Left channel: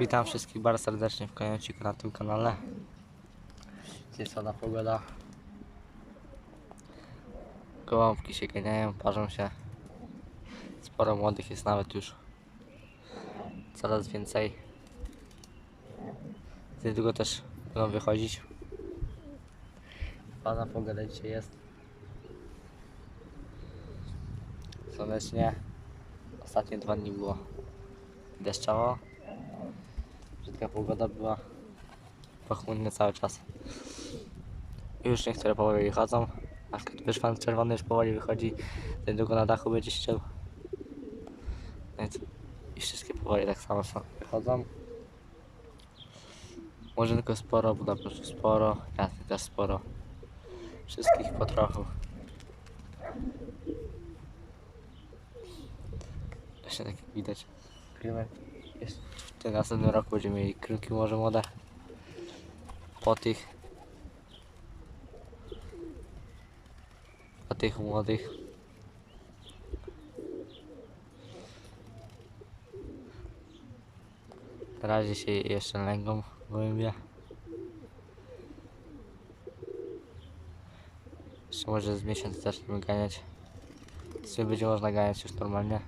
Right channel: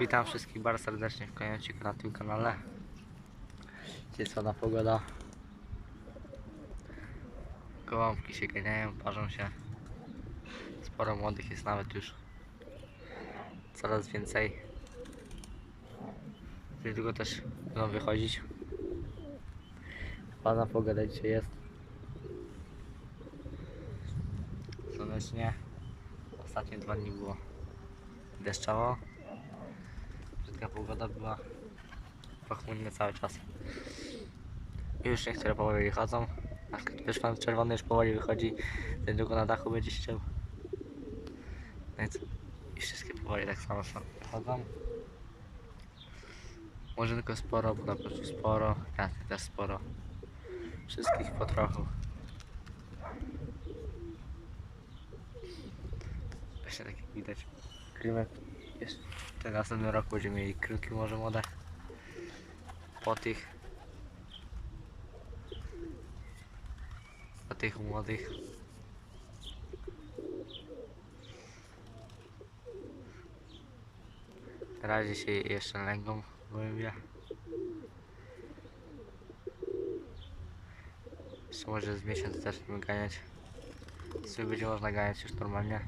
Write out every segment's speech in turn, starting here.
Witam wszystkich bardzo serdecznie w Konieczniku na tym kanale. Jest ładna pogoda. Gołąbki się ganiają, parzą się. Sporo młodych jest nawet już. Coraz więcej. Niedługo też będą wychodzić. Ładna pogoda dzisiaj jest. Słonecznie. Ostatnie dwa dni było deszczowo. Brzydka pogoda była. Pochmurnie cały czas. Już niektóre powoli wychodzą. Na przykład też pan czerwony już powoli wychodzi. Niedługo na dachu będzie ściął. Więc i wszystkie powoli tak samo są. Wychodzą. Tylko sporo, bo prostu sporo. Jasne też sporo. Wszystkich po trochu. Właśnie tak widać. Krymek jeszcze w następnym roku będziemy mieli krymki może młode. Po tych po tych młodych. Na razie się jeszcze lęgą gołębia jeszcze może z miesiąc zaczniemy ganiać. Sumie będzie można ganiać już normalnie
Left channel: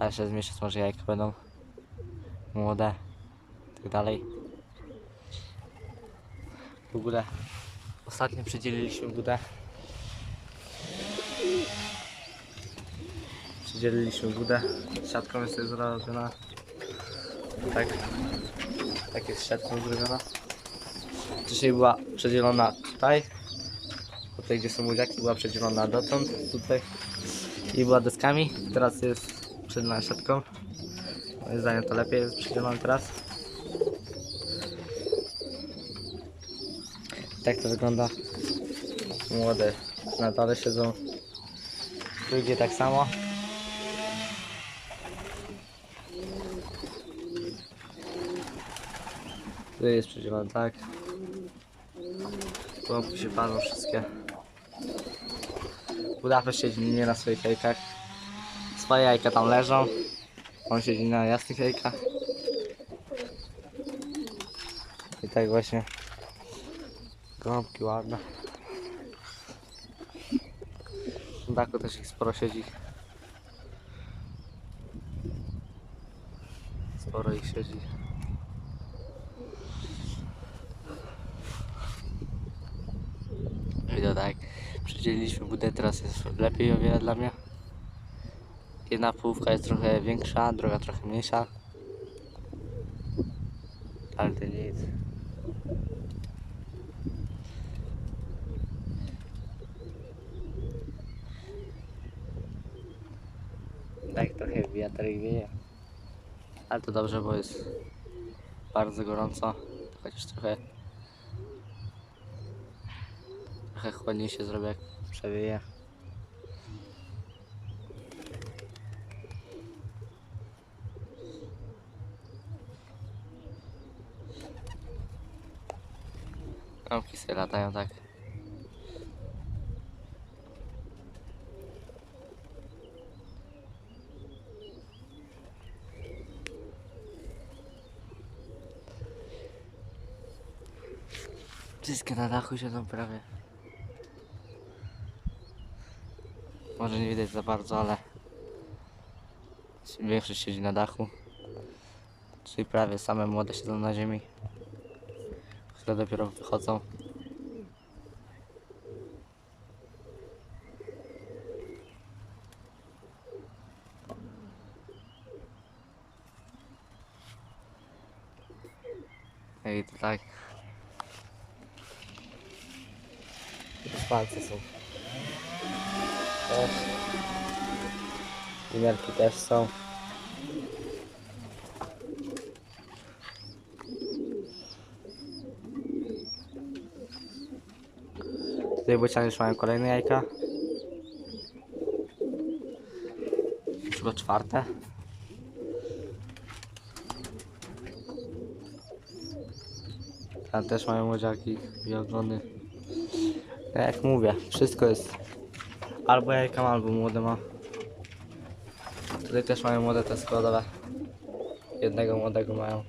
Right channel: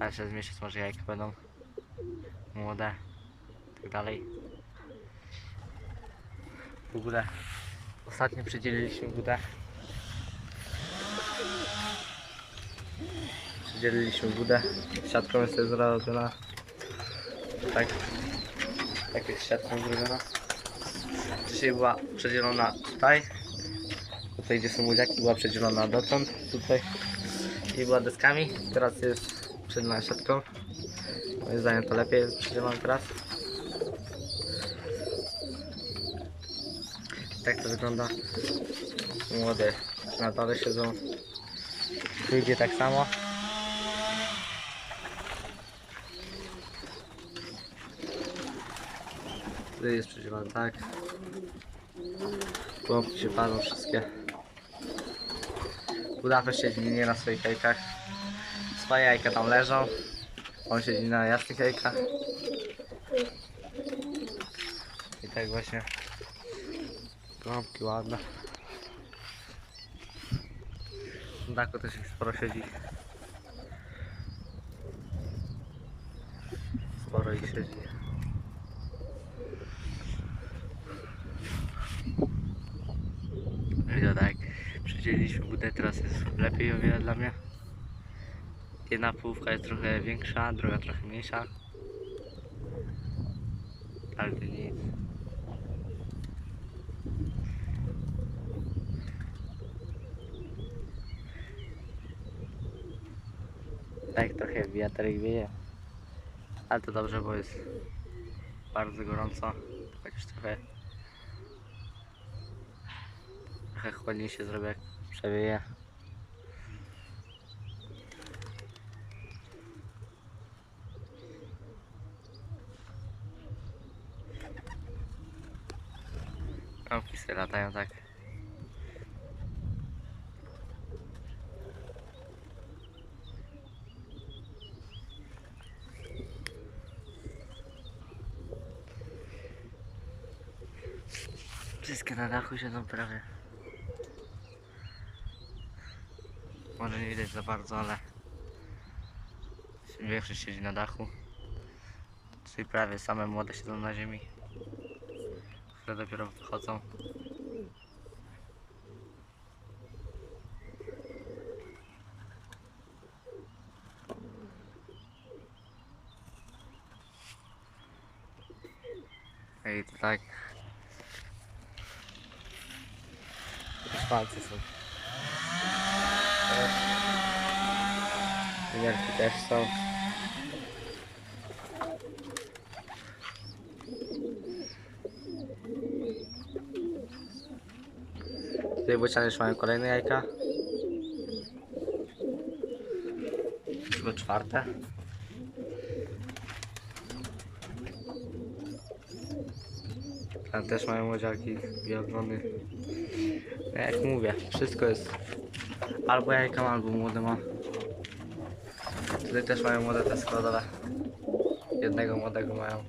a jeszcze z miesiąc może jajka będą młode i tak dalej. W ogóle ostatnio przedzieliliśmy budę. Przedzieliliśmy budę. Siatką jest zrobiona. Tak. Tak jest siatką zrobiona. Dzisiaj była przedzielona tutaj. Tutaj gdzie są młodziaki była przedzielona dotąd tutaj. I była deskami. Teraz jest przedzielona siatką moim zdaniem to lepiej jest przedzielone teraz tak to wygląda. Młode na dole siedzą. Tu idzie tak samo. Tu jest przedzielone tak. Łąki się palą wszystkie. Budapeszt siedzi nie na swoich jajkach Swoje jajka tam leżą. On siedzi na jasnych jajkach. I tak właśnie Gąbki ładne. W daku też ich sporo siedzi. Sporo ich siedzi. To tak, przedzieliliśmy budę, teraz jest lepiej o wiele dla mnie. Jedna połówka jest trochę większa, druga trochę mniejsza. Ale to nic. Tak trochę wiaterek wieje. Ale to dobrze, bo jest bardzo gorąco. Chociaż trochę Trochę chłodniej się zrobi jak przewieje. Kropki sobie latają tak. Wszystkie na dachu siedzą prawie. Może nie widać za bardzo, ale większość siedzi na dachu. Czyli prawie same młode siedzą na ziemi. Które dopiero wychodzą. I to tak. Już palce są. Też. Wymiarki też są. Tutaj bociany już mają kolejne jajka. Chyba czwarte. Tam też mają młodziaki i ogony. Jak mówię, wszystko jest Albo jajka ma, albo młode ma. Tutaj też mają młode te składowe. jednego młodego mają.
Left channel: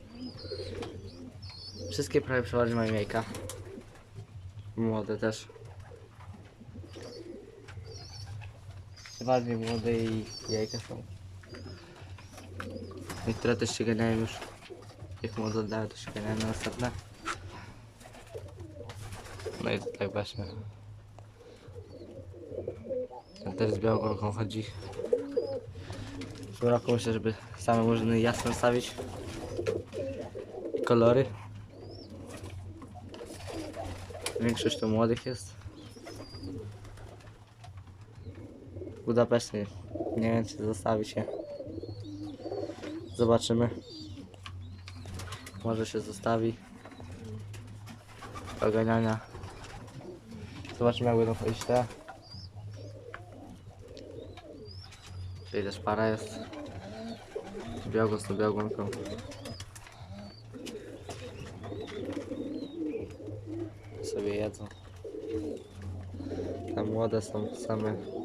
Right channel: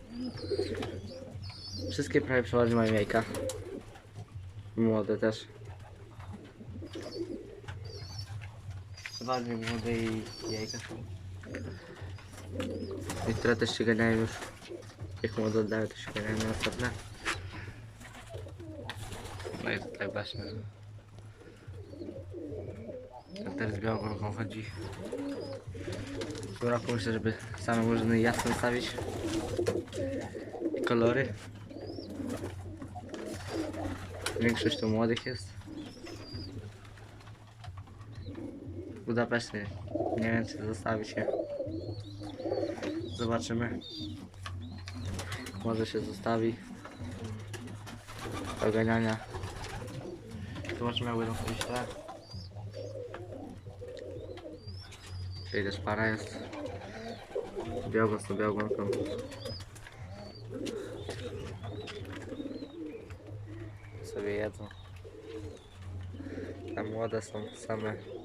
Wszystkie prawie przeważnie mają jajka. Młode też. Przeważnie młode i jajka są. Niektóre też się ganiają już. Jak młode oddają, to się ganiają na następne. No i tak właśnie. Ten też z białą chodzi. W roku myślę, żeby same murzyny jasne stawić. Kolory. Większość to młodych jest. Budapeszty. Nie wiem czy zostawi się. Zobaczymy. Może się zostawi. Oganiania. Zobaczymy jak będą chodzić te. Czyli też para jest. Z tą. Sobie jedzą. Te młode są same.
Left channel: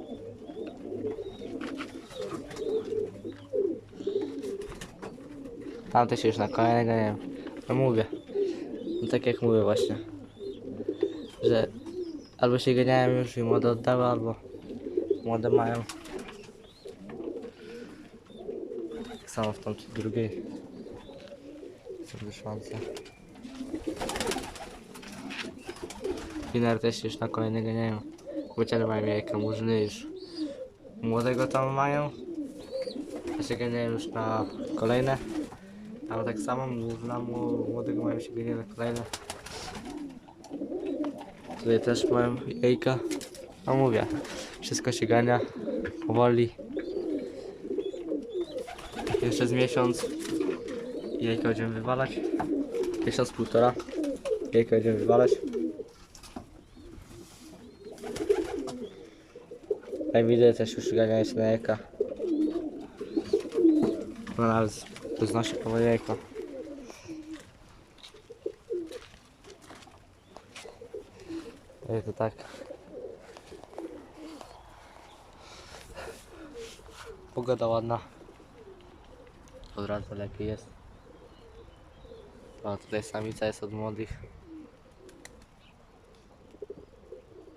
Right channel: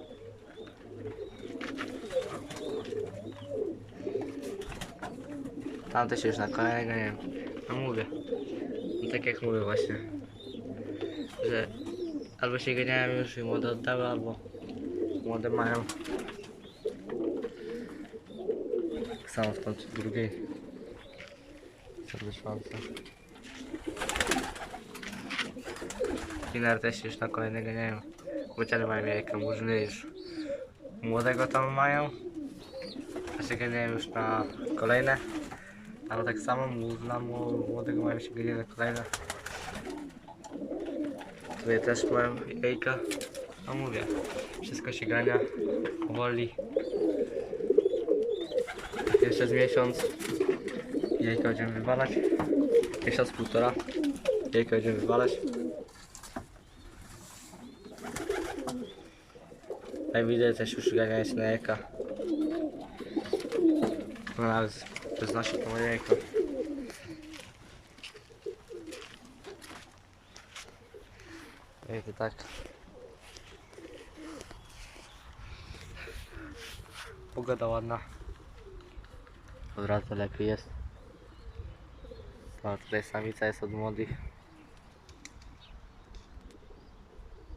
Tamte się już na kolejnego nie wiem. No mówię. No tak jak mówię właśnie. Że albo się ganiają już i młode oddały, albo młode mają. Tak samo w tamtej drugiej. Wyszłance. Finar też już na kolejne ganiają. Bociany mają jajka, już młodego tam mają. A się ganiają już na kolejne. Ale tak samo mło- młodego mają się na kolejne. Tutaj też mają jajka. No mówię, wszystko się gania powoli. Jeszcze z miesiąc jajka będziemy wywalać. Miesiąc, półtora. Jajka będziemy wywalać. Jak widzę też już ganiają się na jajka. No nawet moje jajko. No i to tak. Pogoda ładna. Od razu lepiej jest. A tutaj samica jest od młodych.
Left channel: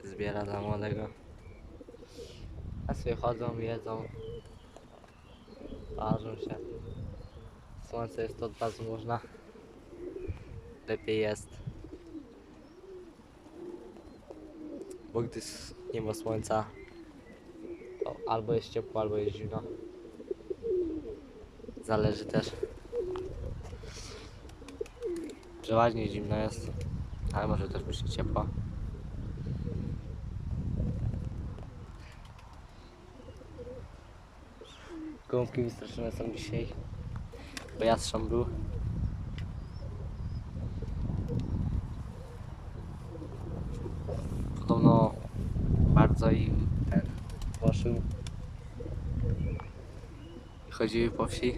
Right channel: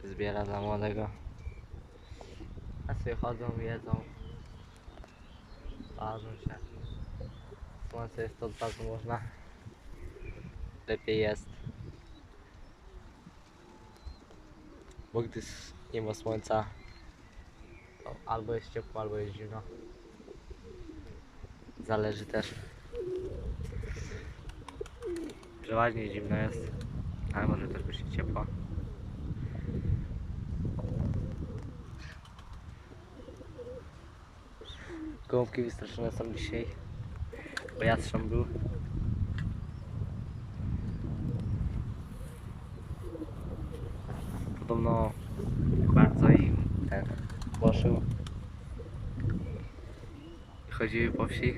Zbiera dla młodego. A sobie chodzą, jedzą. Parzą się. Słońce jest od razu można. Lepiej jest. Bo gdy nie ma słońca, to albo jest ciepło, albo jest zimno. Zależy też. Przeważnie zimno jest, ale może też być ciepło. Gołąbki wystraszone są dzisiaj, bo jastrząb był. Podobno bardzo im ten poszył. I chodziły po wsi.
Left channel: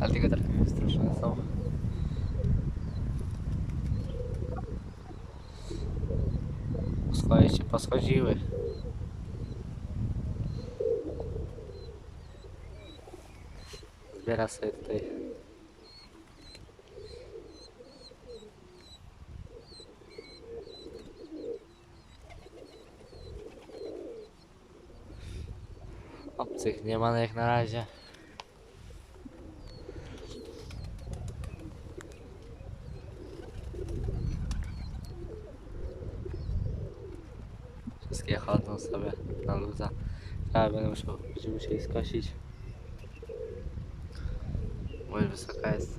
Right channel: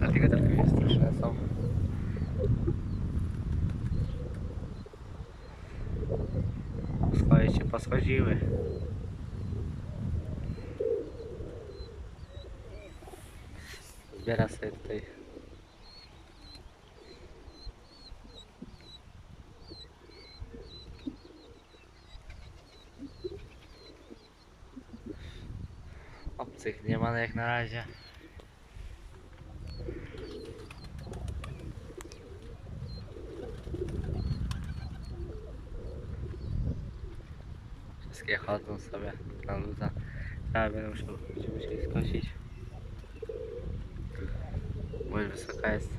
Ale te gadarki wystraszone są. Swoje się poschodziły. Zbiera sobie tutaj. Obcych nie ma jak na razie. Wszystkie chodzą sobie na luza. Trzeba będę musiał, się ich skosić. Bo już wysoka jest.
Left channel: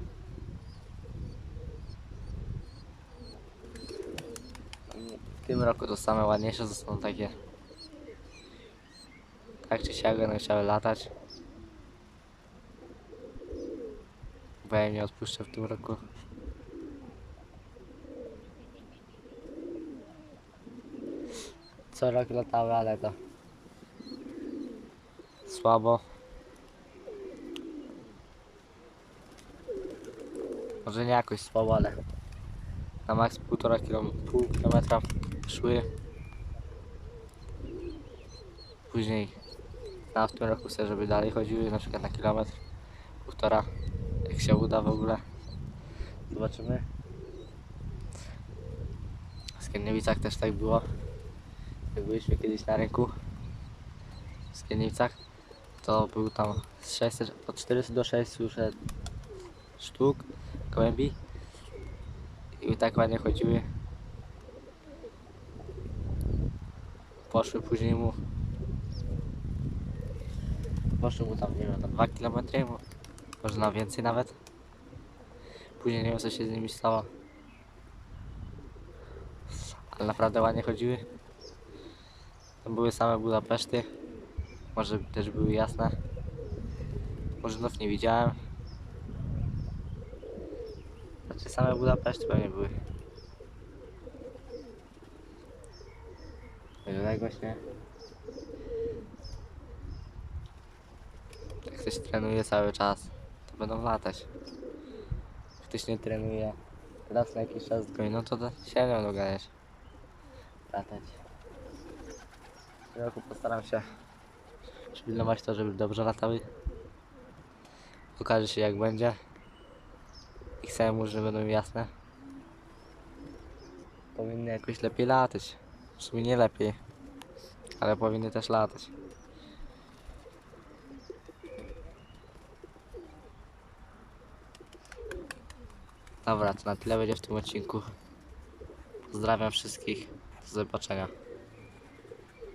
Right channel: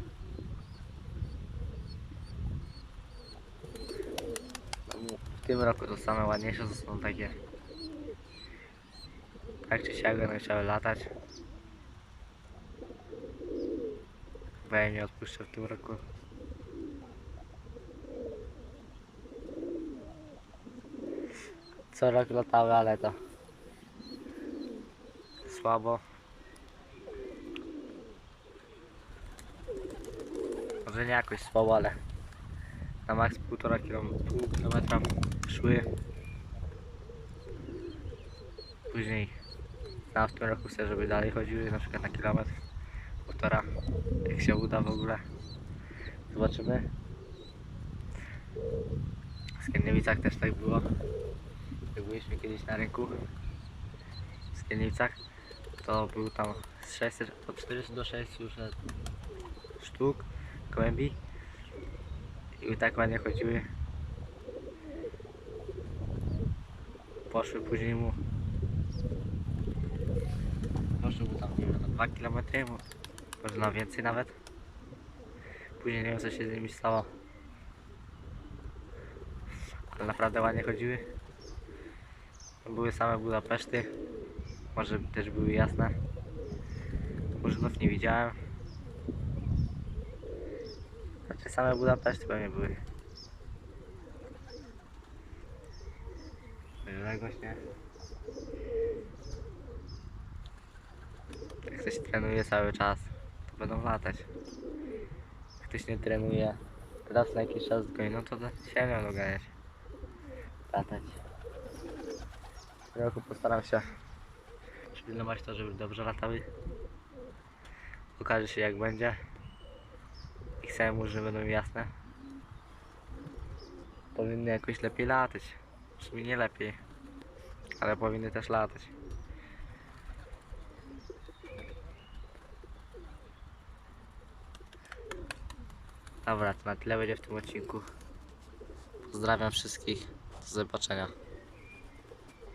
W tym roku to same ładniejsze są takie. Tak czy siak będą chciały latać. Bo ja nie odpuszczę w tym roku. Co rok latały, ale to słabo. Może nie jakoś słabo, ale na maks półtora kilom- pół kilometra szły. później na w tym roku chcę, żeby dalej chodziły, na przykład na kilometr, półtora, jak się uda w ogóle. Zobaczymy. W Skierniewicach też tak było. Jak byliśmy kiedyś na rynku w Skierniewicach, to był tam z 600, od 400 do 600 sztuk gołębi i tak ładnie chodziły. Poszły później mu poszły mu tam, nie wiem, tam 2 km, może na więcej nawet. Później nie wiem co się z nimi stało. Ale naprawdę ładnie chodziły. To były same Budapeszty. Może też były jasne. Murzynów nie widziałem. Znaczy same Budapeszty pewnie były. Także właśnie. Jak ktoś trenuje cały czas, to będą latać. Jak ktoś nie trenuje, raz na jakiś czas goni, no to się nie doganiać. Latać. Roku postaram się przypilnować to, żeby dobrze latały. Okaże się jak będzie. Ich murzyny będą jasne. Powinny jakoś lepiej latać. W sumie nie lepiej, ale powinny też latać. Dobra, to na tyle będzie w tym odcinku. Pozdrawiam wszystkich. Do zobaczenia.